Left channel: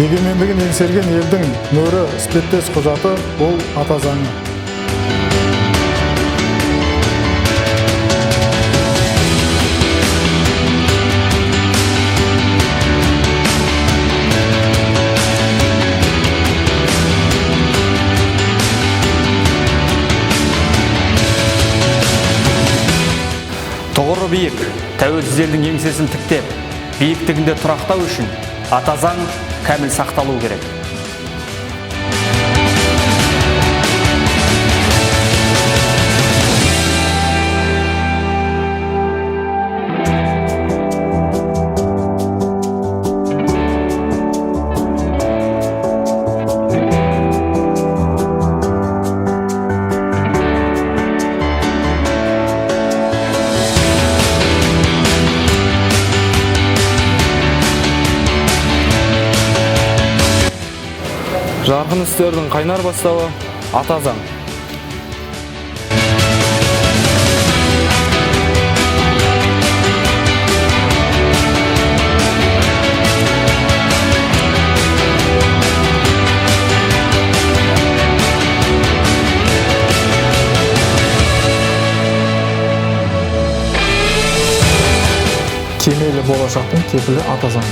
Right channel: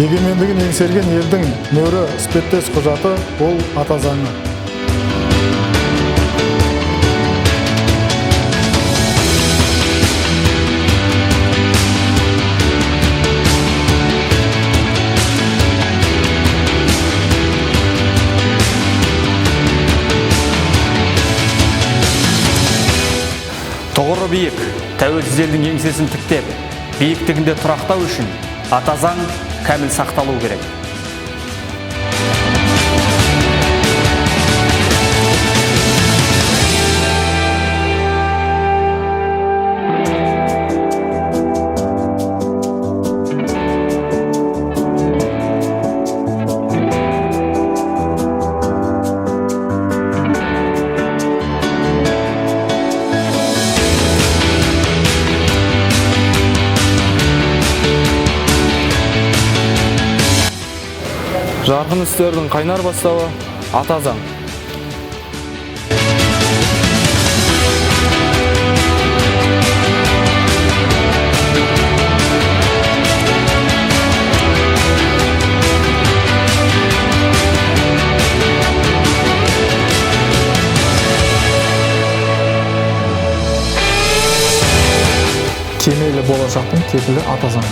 Егемендігін еңсерген елдің мөрі іспеттес құжаты ол ата заңы. Тұғыры биік, тәуелсіз елдің еңсесін тіктеп, биіктігінде тұрақтау үшін ата заң кәміл сақталу керек. Жарқын істердің қайнар бастауы ата заң. Кемелі болашақтың кепілі ата заң.